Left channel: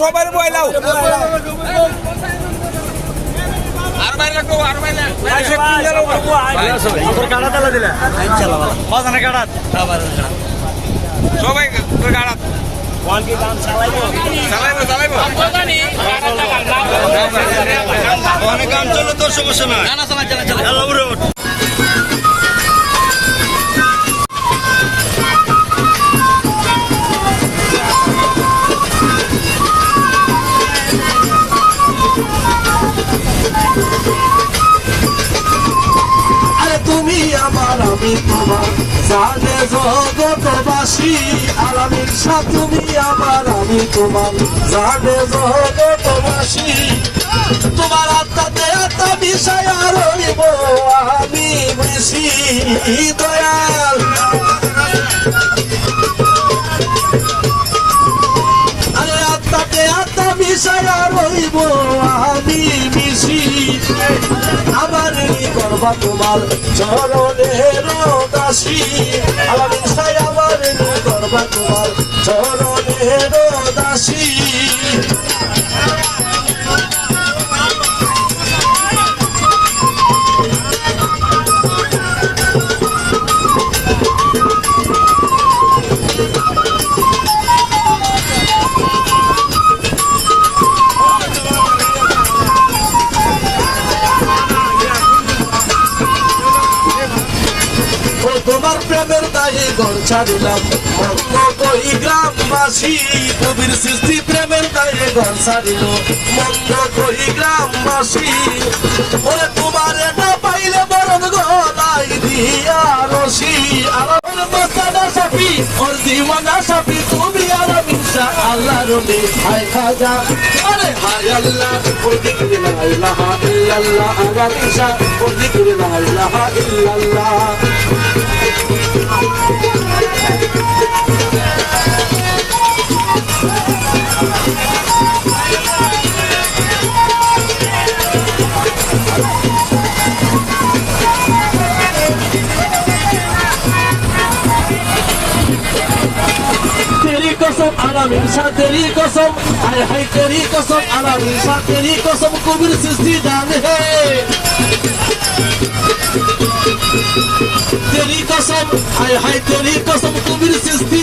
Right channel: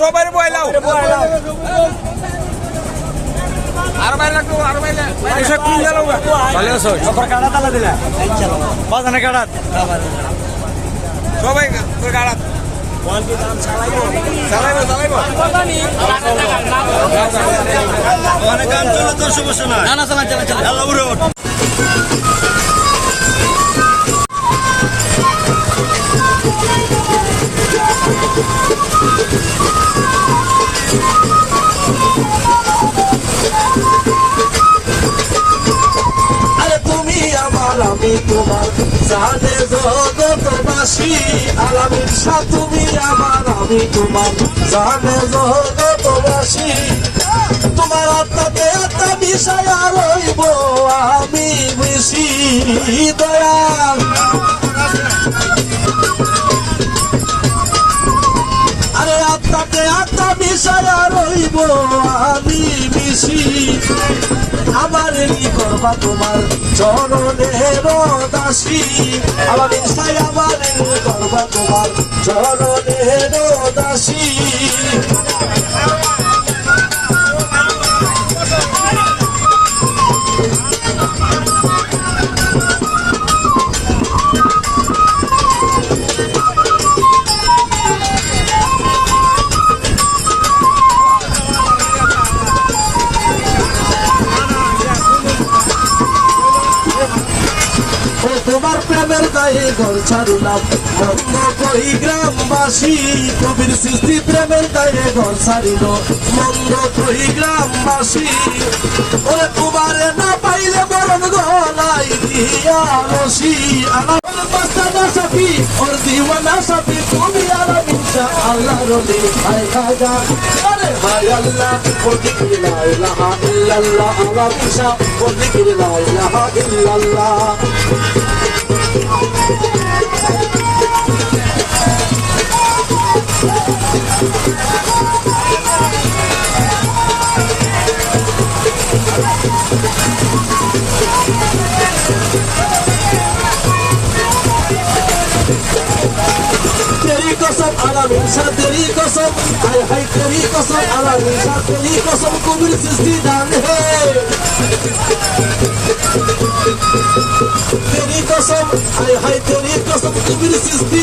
সবাই বয়লাও সবাই তোর গাড়াত না না চালাই চালাই চালাই আমি তোমার জানে জগতবাসী আলামিন শাহ তুমি আমার আমি তোমার জানে জগতবাসী তোমার আত্মাতে আত্মা বিষয় রইব আমি বেশি দয়াল। আরে আত্মাকে আত্মা বিষয় রইব আমি বেশি করবা তোমার? চরণের দাসী। আমার ইচ্ছাই আমার করবা তোমার। চরণের দাসী। তোমার প্রেমের দায়ে ঘর ছাড়িলাম। অন্য কই গ্রামবাসী কবির সৃষ্টি প্রেমের দায়ে ঘর ছাড়িল। মন্দ কই গ্রামবাসী ওরে তোমারে না পাইলে বরং গলাই দিয়া রসি আল্লাহ রবি কসম আলাল উষা তেরি কসম হায় হায়, তেরি কসম আলাল উষা তেরি কসম, কবির সৃষ্টি দান হে। তেরি কসম হায় হায়, তেরি কসম, কবির সৃষ্টি